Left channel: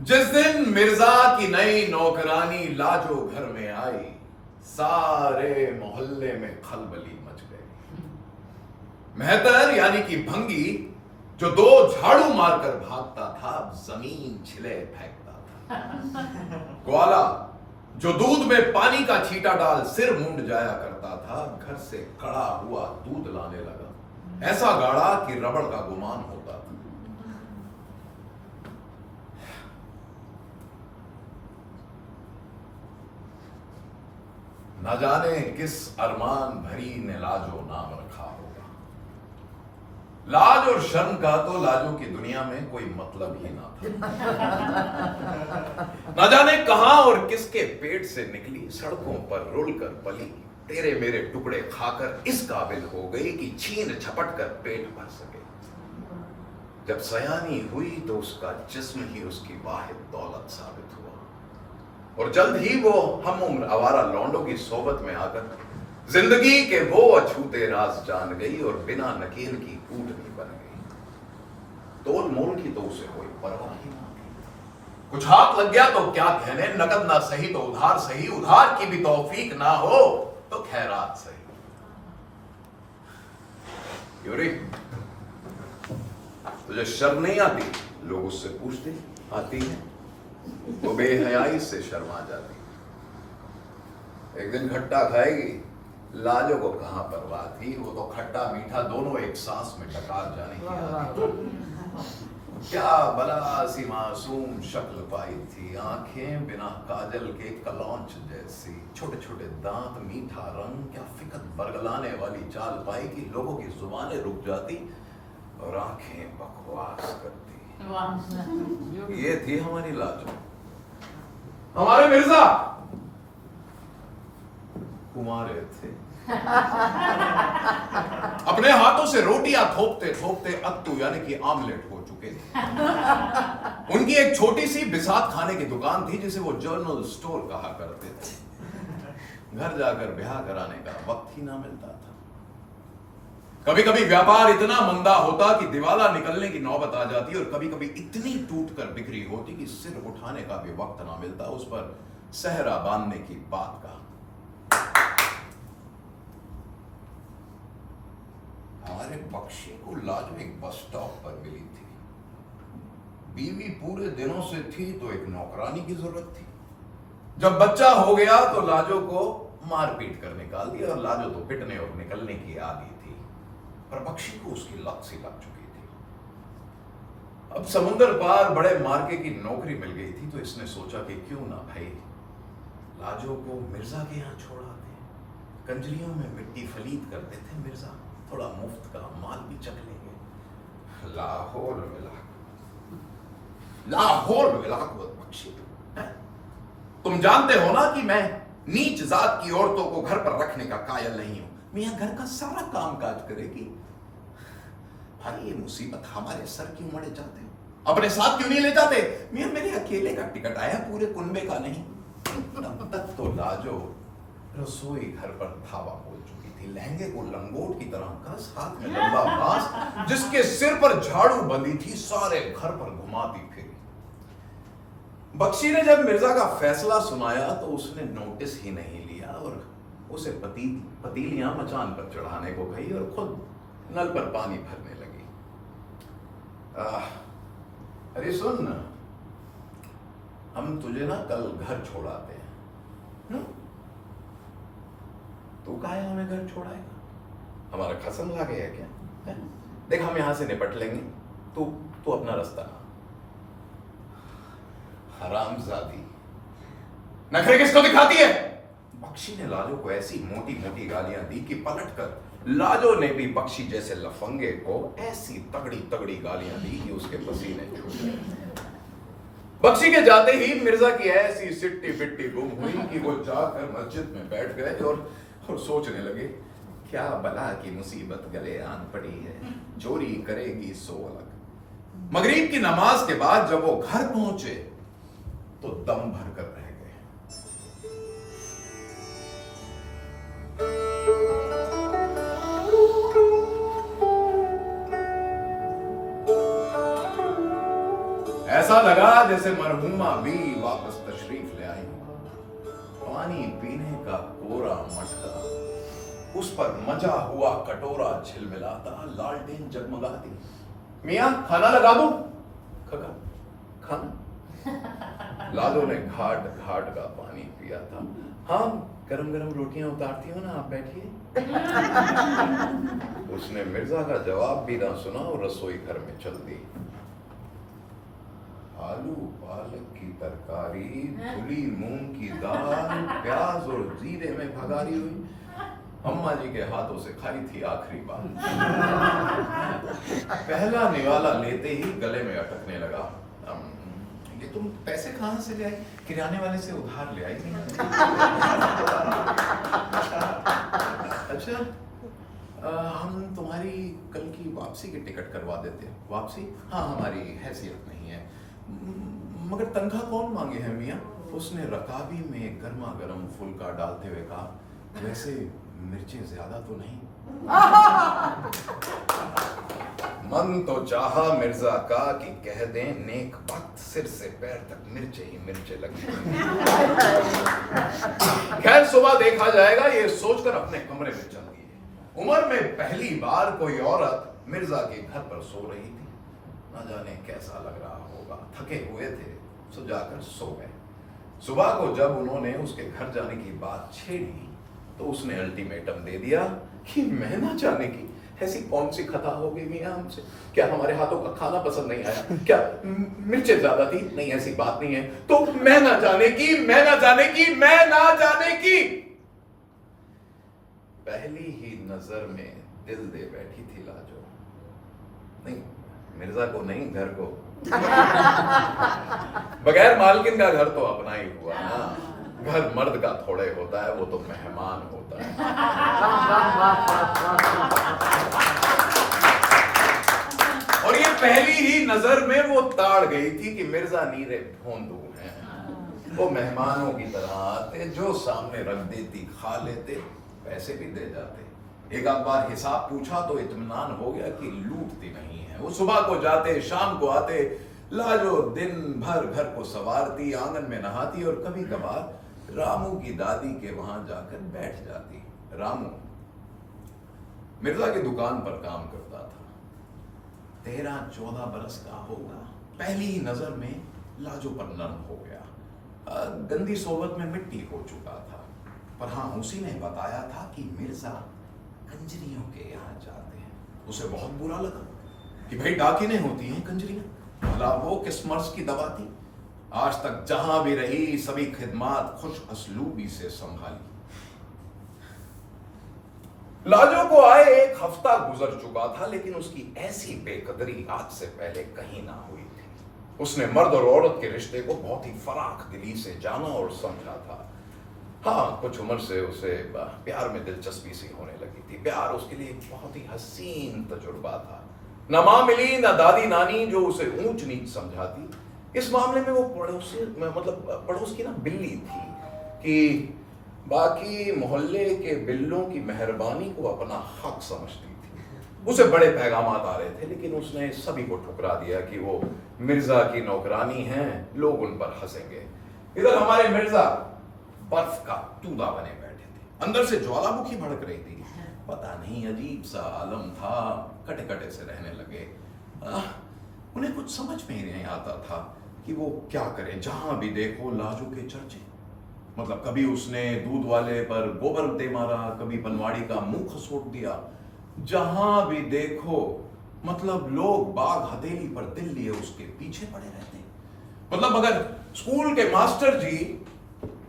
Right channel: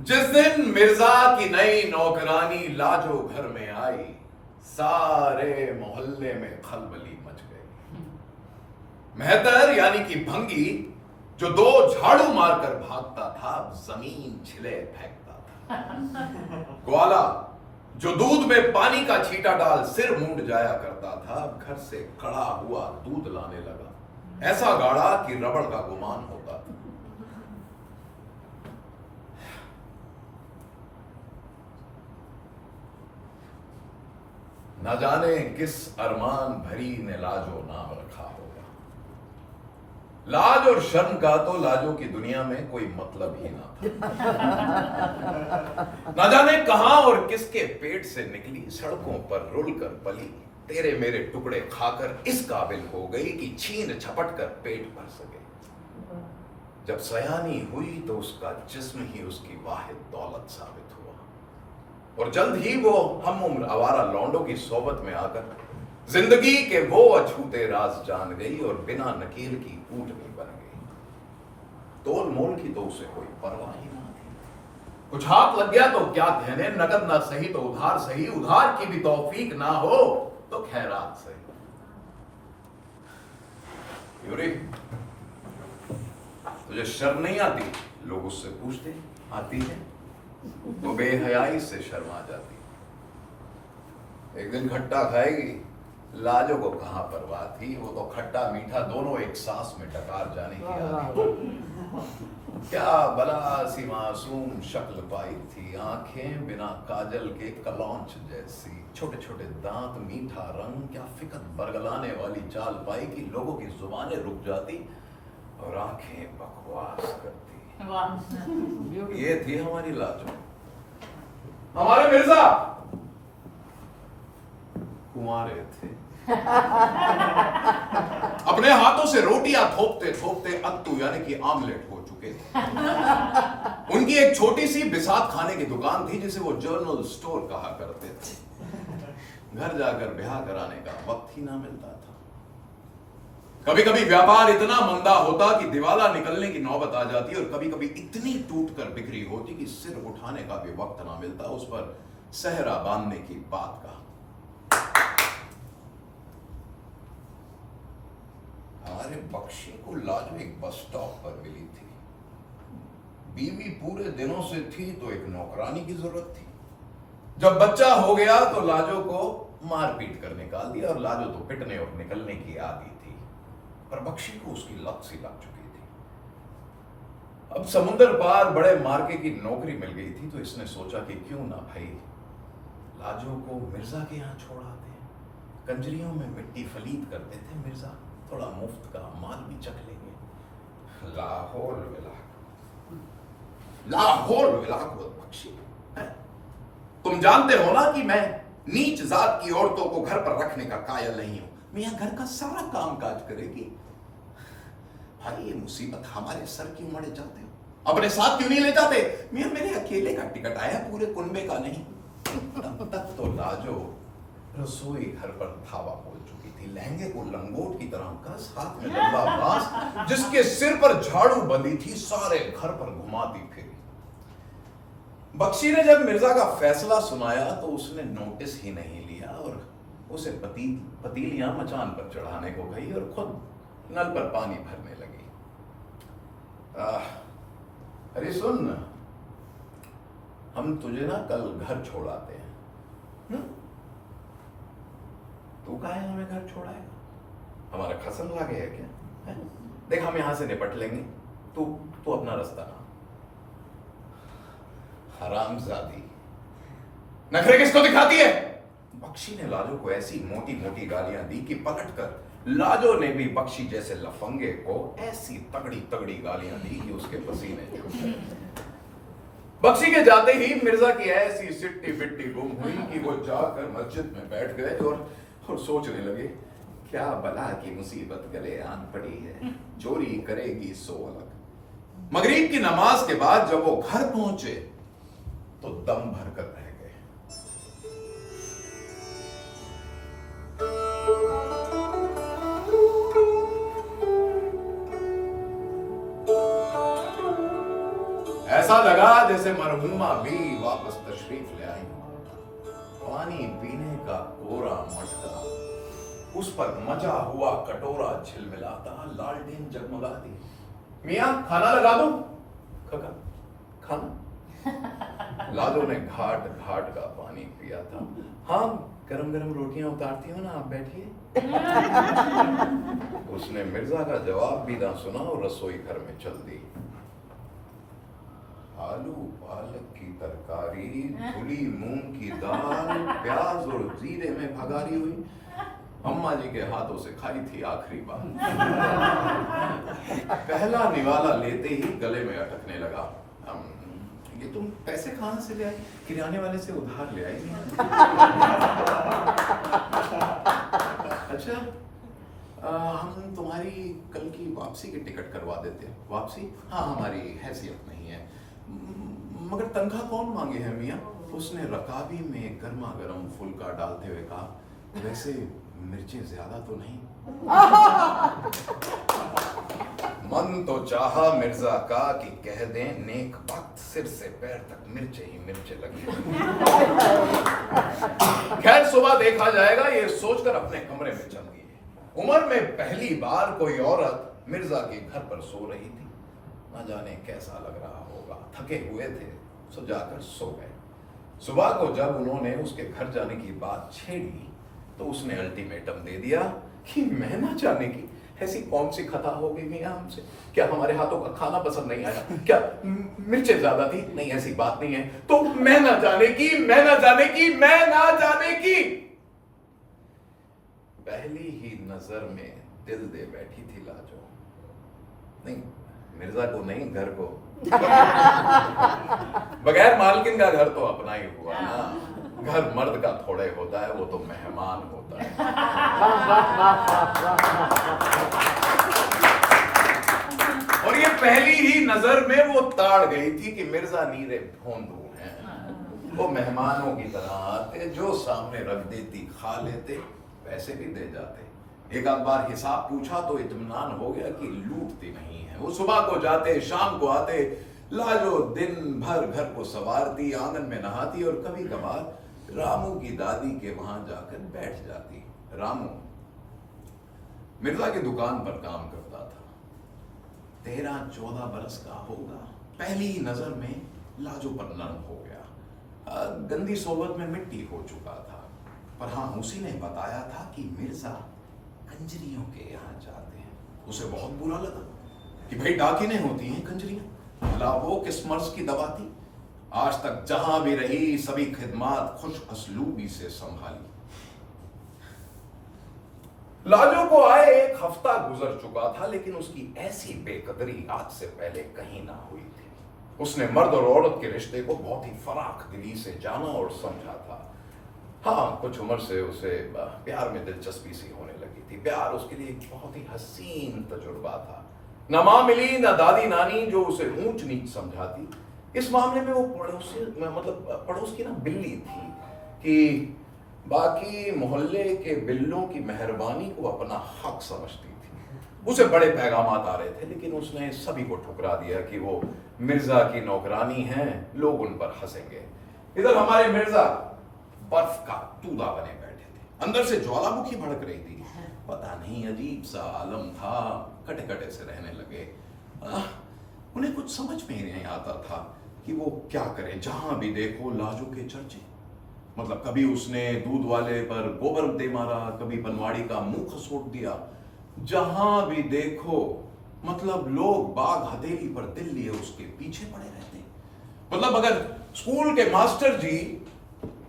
जिस दिन मिर्जा की नई नौकरानी लाजो घर में आई, सारे मोहल्ले में खलबली मच गई। मेहतर यानी कि भंगी, जो 2 झाड़ू मारकर भागता था, जमीन छिले फेंकता था। ग्वाला, जो दूध में पानी का छींटा डाल सिर मूंड जाया करता था, घर से कड़ा हुआ दूध लाने लगा, ऐसा गाढ़ा कि रबड़ का गुमान होता था। न जाने किस अरमान भरी ने लाजो नाम रखा होगा। लाज और शर्म का तो लाजो की दुनिया में कोई मतलब ही ना था। न जाने कहां और किसके पेट से निकली, सड़कों पर रुलकर पली, तेरे मेरे टुकड़े खाकर इस काबिल हो गई कि छीन झपट कर पेट भर सके। जब सयानी हुई तो उसका जिस्म ही उसकी वाहिद दौलत साबित हुआ, और जल्द ही वो हम उम्र आवारा लौंडों की सोबत में आकर जिंदगी के वो अछूते राज जान गई और बिना नकेल की ऊँटनी बन गई। तोल मोल की तो उसे कोई परवाह ही ना थी। कुछ हाथ लग गया तो क्या कहने, नकद ना सही तो उधार सही, उधार की भी तौफीक ना हो तो खैरात सही। यूरी, तुझे शर्म नहीं आती? लोग उससे पूछते, आती है? वो बेहयाई से शर्मा जाती। एक दिन खट्टा खाएगी, लाजो को कहां परवाह थी, वो तो खट्टा मीठा दोनों एक सांस में डकार जाने की आदत। क्या भला सी मासूम शक्ल पाई थी, आंखें बिना काजल के कलौंच जैसी, छोटे छोटे दांत, मीठा रंग, क्या फिकत बरगलाने वाली चाल पाई कि लोगों की जुबानें रुक जाती और आंखें बकवास करती। ये थी हमारी लाजो। हमारे मिर्जा कुंवारे थे। अपने हाथों से रोटियां थोपते थोपते अत्तू यानी कि आमलेट हो चुके थे। उनकी एक छोटी सी बिसात खाने की दुकान थी जिसे वो जर्नल स्टोर कहा करते थे। घर जाकर ब्याह कराने का वक्त ही ना मिलता था। कभी कभी व्यापार इतना मंदा होता कि दिवाला निकलने की नौबत आ जाती, और कभी कभी इतनी टूटकर बिक्री होती कि सिर उठाने का भी वक्त ना मिलता, उस पर सहरा बांधने की बात का। हमारे बख्शी को लाजो एक बस स्टॉप पर मिली थी। बीवी पूरे दिनों से थी तो एक नौकरानी की जरूरत थी। जब बच्चा हो गया तो लाजो को मारपीट कर निकाल दिया, और लाजो तो पिटने और निकलने की आदी थी, पर बख्शी को उसकी लत सी लग चुकी थी। अब समुद्र पार बड़े मार्के की नौकरी मिल गई थी तो इसने सोचा कि क्यों ना भाई लाजो को मिर्जा के यहां छोड़ आते हैं। कंजरियों में मिट्टी फलीद करते थे मिर्जा, थोड़ा मुफ्त का माल भी चख लेंगे। लाहौर विलाक बख्शी। तुम जानते हो ना कि मैं नीच जात की औरतों को घर पर रखने का कायल नहीं हूं। मियां घर का सारा काम काज करेगी। भाई ये मुसीबत हमारे सर क्यों मड़े जाते हो? अपने साथ क्यों नहीं ले जाते? मियां मेरे अकेले का टिकट आया, पूरे कुनबे का नहीं। तब तक तो लाजो रसोई घर पर धावा बोल चुकी थी। लहंगे को लंगोट की तरह कस, हाथ में लंबा बांस, जिसके सिर पर झाड़ू बंधी थी, सारे घर पर घुमाती फिरी। बख्शी ने जब मिर्जा का फैसला सुनाया तो उसने नोटिस ही नहीं लिया और उसे पतीलियां मचान पर चढ़ाने को कही और खुद नल पर पानी भरने लगी। अरे सुन, हम तुझे ना कल घर छोड़ाते हैं। तू काहे हमें घर छोड़ाएगा? हमारा खसम ला गया क्या है? देख हम यहां से निपट लेंगे, तू अपना रास्ता। हरामजादी, नखरे किसको दिखाती है? बख्शी ने लाजो को ऐसी मोटी मोटी गालियां दी कि पलटकर लाजो ने भी बख्शी जैसे लफंगे को ऐसी तगड़ी तगड़ी गालियां दी कि उसके पसीने छूट गए। बख्शी के जाते ही मिर्जा की ऐसी सिट्टी बिट्टी गुम हुई कि वो जाकर मस्जिद में बैठ गए और सोचने लगे, क्या बला की मुसीबत गले आन पड़ी है, चोरी करेगी सो अलग। मगरिब की नमाज के बाद जब वो घर पहुंचे तो दम भर कर रह गए। ऐसा लगा जैसे मरहुमा भी वापस तशरीफ ले आई। पानी पीने का कोरा मटका, उस पर मजा हुआ कटोरा झिलमिलाता, लालटेन जगमगाती। मियां खाना लगा दूं? खका खाना। लालो ने घाट घाट का पानी पिया था। हाँ, गरम गरम रोटियां उतारती हो ना, आप बैठिए। उसने मिर्जा का जवाब भी ना सुना और रसोई घर में चल दी। आलू पालक की तरकारी, धुली मूंग की दाल, प्याज और जीरे में भगारी हुई, अम्मा जी के हाथों से खाई थी आखिरी बार। पहला निवाला लेते ही गले में अटकने लगा। ये तुम पैसे कहां से ले आई? किराने वाले से उधार ले आई? अच्छा, हम तुम्हारी कल की वापसी की टिकट करवा देते हैं। वापसी? हाँ, हमारी हैसियत नहीं है, मगर तनख्वाह कौन मांगे है मियाँ? उसने रकाबी में गर्मा गर्म फुल्का डालते हुए कहा, वैसे मिर्चें ज्यादा तो नहीं? मन तो चाहा मिर्जा का कि कह दें नेक वक्त सिर से पैर तक मिर्चे ही मिर्चे लगी। खैर, सुबह देखा जाएगा, ये सोचकर अपने कमरे में चल गई। उम्र में पहली बार कोई औरत मिर्जा के घर पर सो रही थी। न जाने कैसा लग रहा होगा, थके हुए थे, सो जाकर सो गए। सुबह को जब उन्होंने उसके घर जाने की बात छेड़ी तो उसने अल्टीमेटम दे दिया कि मैं ना जाने की ऐसी कौन सी खता हो गई मियां हमसे? क्या हमारे हाथों का खाना पसंद नहीं आया? क्या मिर्चें ज्यादा थी? नहीं, ऐसी बात नहीं है। तो मैं ना जाने की, मैं ना जाने की, मैं ना जाने की। पहली ही नजर में दिल दे बैठी थी लाजो। नहीं, मिर्जा को नहीं, घर को। बगैर मालकिन का घर तो अपना ही हुआ ना। घर मर्द का थोड़े होता है, वो तो मेहमान होता है। और ये पहली ही नजर में वो ताड़ गई थी कि मिर्जा नीरे भोंदू हैं। वो मेहमानों की तरह आते, जो सामने रख देती खा लेते, पैसे भी दे जाते। एक आध बार हिसाब पूछा तो इत्मीनान हो गया कि लूटती नहीं है। वो सुबह को जाते, शाम को आते, लाजो दिन भर घर को संवारती, आंगन में नहाती और कभी कभार रामू की दादी के वहां जाकर बैठ जाती। रामू मिर्जा की दुकान पर काम करता था। 13-14 बरस का होगा। पहली ही नजर में लाजो पर नर्म हो गया। गंदी सोबत में मिट्टी हो चुका था, पर हाँ, उसी ने बताया था कि मिर्जा कंजरियों के यहाँ जाते हैं। उसे बहुत बुरा लगा कि भाई डाकिने होती हैं कंजरियां। भला वो किस मर्ज की दवा थी? आज तक जहां भी रही सभी खिदमात खुश असलूबी से संभाली। लाजो को आए 1 हफ्ता गुजर चुका था, लेकिन उसकी ऐसी बेकदरी आज से पहले कहीं ना हुई थी। उसने मर्द और औरत के रिश्ते को बहुत ही फराख दिली से जाना और समझा था। हाँ, कुछ उम्र से उसे प्यार में दिलचस्पी सी होने लगी थी। प्यार उसके लिए एक बहुत ही हसीन तजुर्बा था। न माँ मिली, न दादी नानी जो उसे ऊंच नीच समझाती। इस मामले में वो पड़ोस की ना बिल्ली थी कि बाकी मोहल्ले के बिल्लों की मेहरबानी को अपना हक समझती थी। उसे बड़े पैगामात आ रहे थे, लेकिन उसने सभी को ठुकरा दिया कि वो मिर्जा की नौकरानी हैं, लोग उन पर हंसेंगे। इधर हमारे मिर्जा बर्फ का तूदा बने बैठे थे। अंदर से ज्वालामुखी भड़क रही थी। पता नहीं, अजीब सा आलम था। कटे कटे से रहने लगे। उन्हें कुछ समझ में ही नहीं आता था कि वो क्या करें। जहां भी देखो लाजो के चर्चे। मतलब कभी उसने दूध वाले पर गोबर दे मारा, कभी बनवाड़ी का मुंह खसोट दिया। जहां भी देखो मतलब लोग बाग हथेली पर दिल लिए उसके पीछे पड़े रहते। मतलब अगर स्कूल के मास्टर जी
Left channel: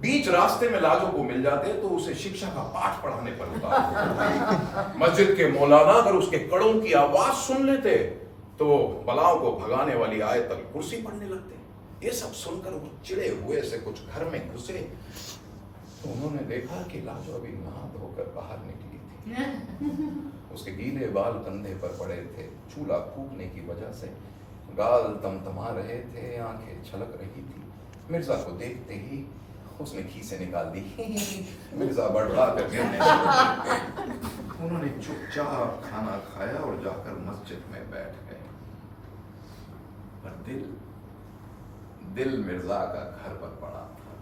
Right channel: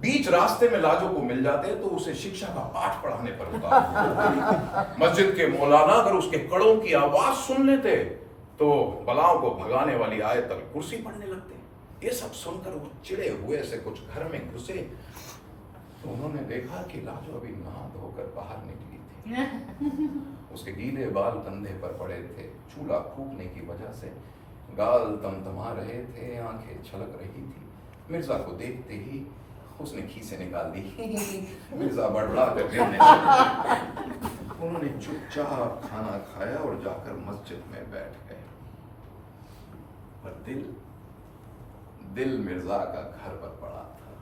बीच रास्ते में लाजो को मिल जाते तो उसे शिक्षा का पाठ पढ़ाने पर उतार। मस्जिद के मौलाना अगर उसके कड़ों की आवाज सुन लेते तो बलाओं को भगाने वाली आयतल कुर्सी पढ़ने लगते। ये सब सुनकर वो चिड़े हुए से कुछ घर में घुसे तो उन्होंने देखा कि लाजो अभी नहा धोकर बाहर निकली थी। उसके गीले बाल कंधे पर पड़े थे, चूल्हा फूकने की वजह से गाल तमतमा रहे थे, आंखें छलक रही थी। मिर्जा को देखते ही उसने खीसे निकाल दी। मिर्जा बड़बड़ा कर गिरने लगे। उन्होंने चुपचाप खाना खाया और जाकर मस्जिद में बैठ गए। पर दिल मिर्जा का घर पर पड़ा था।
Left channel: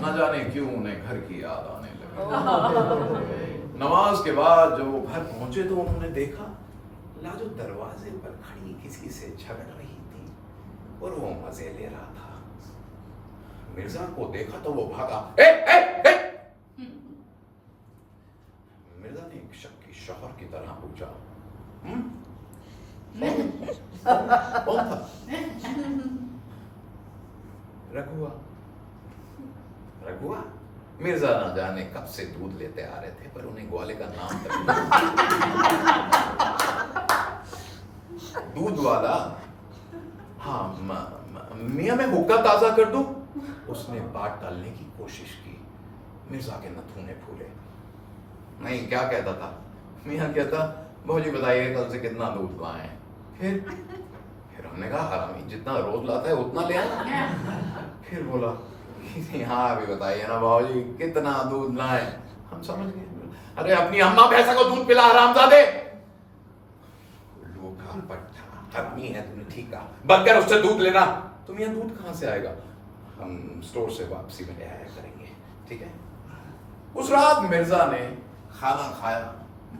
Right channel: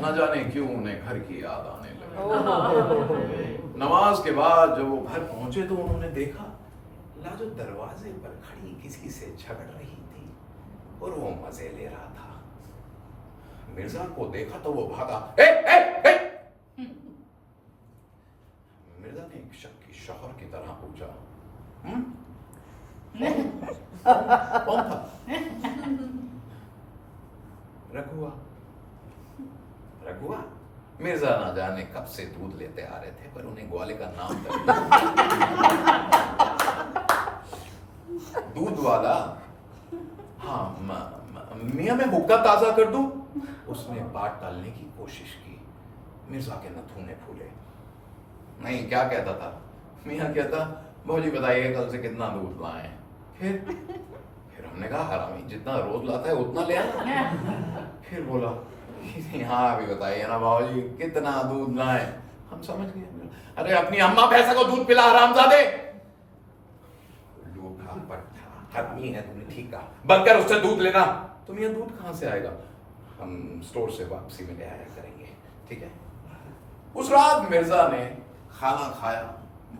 न जाने क्यों उन्हें घर की याद आने लगी। नमाज के बाद जब वो घर पहुंचे तो उन्होंने देखा लाजो दरवाजे पर खड़ी किसी से झगड़ रही थी और वो मजे ले रहा था। मिर्जा को देखा तो वो भागा। ए, ए, ए! मिर्जा ने एक शक्की शौहर की तरह पूछा, कौन था? रघुआ। मिर्जा ना जाने कब से दूध लेते आ रहे थे पर उन्हें ग्वाले का नाम तक दूध वाला। हाँ, मियां मैं हुक्का ताजा कर दूं? उसने बात टालने की कोशिश की। मिर्जा के नथुने फूले। नहीं, क्या कहता था? मियां कहता, भौजी बताइए कल से कितना दूध लाए? फिर हमने कहा हरामी जितना रोज लाता है उतना ले आए। फिर बोला हाँ अभी बताइए ना बाबूजी कितना दूध लाए? हम समझ गए, अरे अपनी अम्मा भैंसा को दूध पिला हरामजादे। लूठा पट्टा आदमी है तुमने, ठीक कहा, बंद कर उससे दूध लेना। तुम ये दूध कहाँ से आएगा? हम स्टोर से वापसी में ले आया करेंगे, ठीक है। उस रात मिर्जा ने खाना खाया,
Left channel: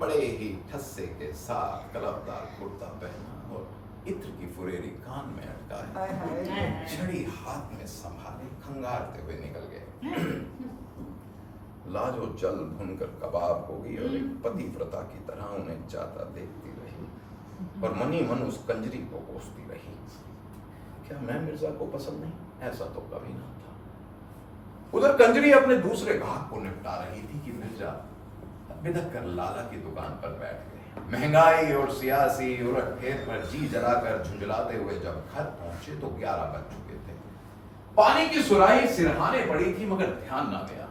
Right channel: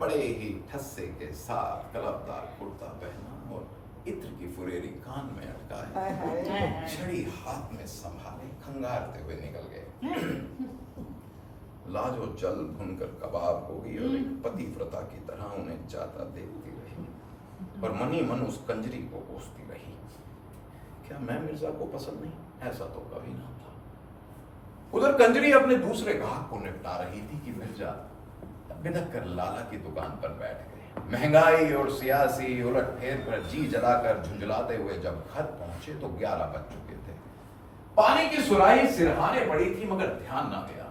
बड़े ही ठस्से के साथ कलबदार कुर्ता पहना और इत्र की फुरेरी कान में अटकाए, छड़ी हाथ में संभाले खंगारते हुए निकल गए। लाजो जल भुनकर कबाब हो गई और एक पतिव्रता की तरह उन्हें जाता देखती रही और मनी मन उस कंजरी को कोसती रही। क्या मैं मिर्जा को पसंद नहीं? ऐसा तो कभी ना था। उधर कंजरी अपने दूसरे ग्राहक को निपटा रही थी कि मिर्जा बिदक कर लाला की दुकान पर बैठ गए। महंगाई और सियासी उलटफेर पर जी जलाकर झुंझलाते हुए जब घर पहुंचे तो 11 बज चुके थे। पानी की सुराही सिरहाने पड़ी थी मगर ध्यान न गया।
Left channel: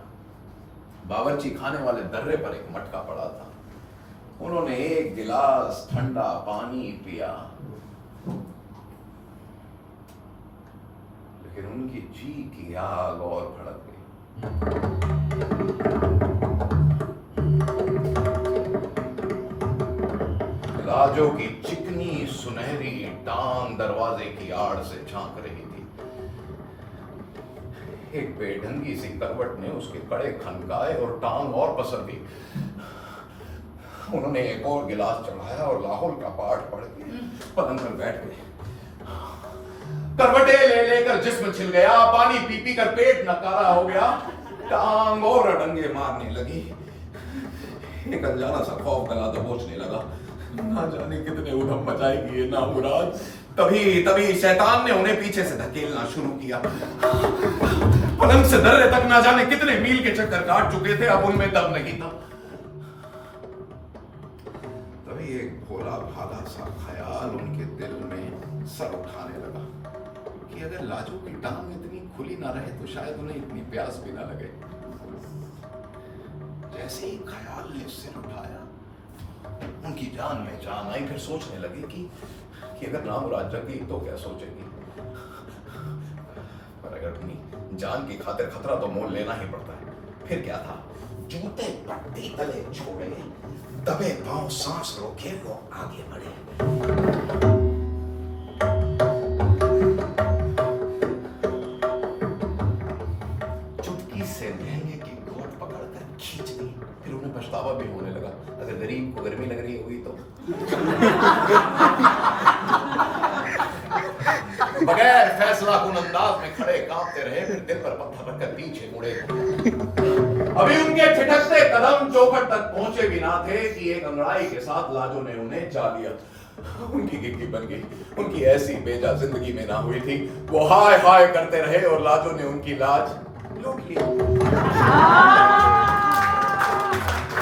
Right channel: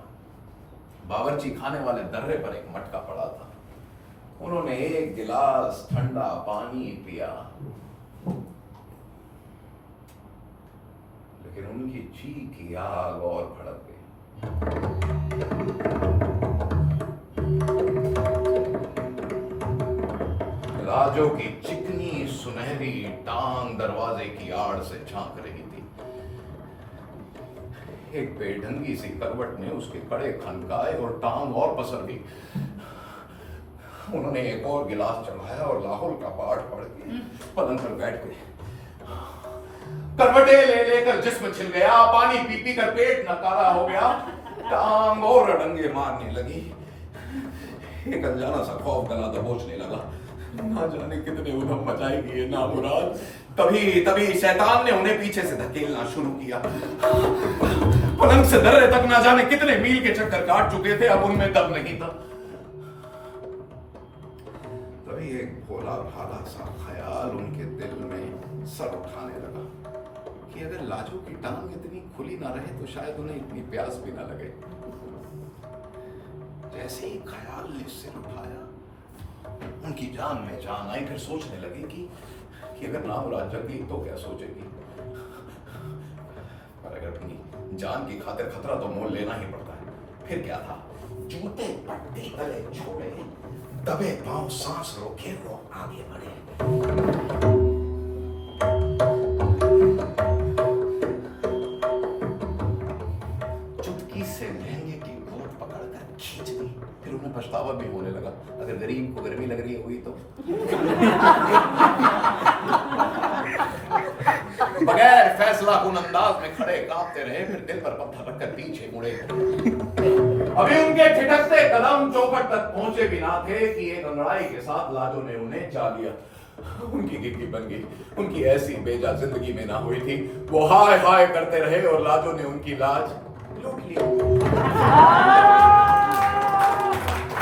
बावर्ची खाने वाले दर्रे पर एक मटका पड़ा था। उन्होंने एक गिलास ठंडा पानी पिया, लेकिन उनकी जी की आग और भड़क गई। लाजो की चिकनी सुनहरी टांग दरवाजे की आड़ से झांक रही थी। एक बेढंगी सी करवट ने उसके कड़े खनकाए और टांग और पसर दी। उन्होंने एक और गिलास चढ़ाया और लाहौल का पाठ पढ़ के पलंग पर बैठ गए। करवटे ले लेकर जिस्म छिल गया, पानी पी पी कर पेट नकारा हो गया, टांग और अडंगे मारने लगी। एक अनजाना सा खौफ गला दबोचने लगा, ना जाने कितने उधम मचाएगी ये नामुराद। तभी शैतान ने उन्हें पीछे से धकेलना शुरू किया। पलंग से दर्रे तक ना जाने कितने मील के चक्कर काट चुके थे, अब उनमें दम नहीं था। तभी एक भोला भाला सा ख्याल उनके दिल में सर उठाने लगा कि अगर लाजो की टांग इतनी खुली ना रहे तो शायद उन्हें इतनी प्यास भी ना लगे। जैसे ही ख्याल ने सिर उठाया उनकी जान में जान आई। फिर सोचने लगी कि अगर नामुराद जग गई तो क्या सोचेगी। पर अगर अपनी जान की खातिर खतरा तो मोल लेना ही पड़ता है। फिर क्या था, जूते पट्टी तले छोड़े, दबे पांव सांस रोके वो आगे बढ़े। चुटकी से लहंगे की कोट पकड़कर खींच दी। फिर उन्हें पछतावा भी होने लगा, अगर गरीब को गर्मी लग रही हुई तो। बगैर फैसला कुन अंदाज में खड़े कांपते रहे, फिर दिल पर पत्थर रखकर पीछे मुड़े। अभी उनके छिटकते कदम चौखट तक पहुंचे भी ना थे कि एक अंगड़ाई के साथ लाजो ने उन्हें चा लिया। उनकी गिग्गी बन गई। उनकी ऐसी बेजा जिंदगी में ना हुई थी। वो हाय हाय करते रहे और लाजो ने उनकी लाज लूट ली।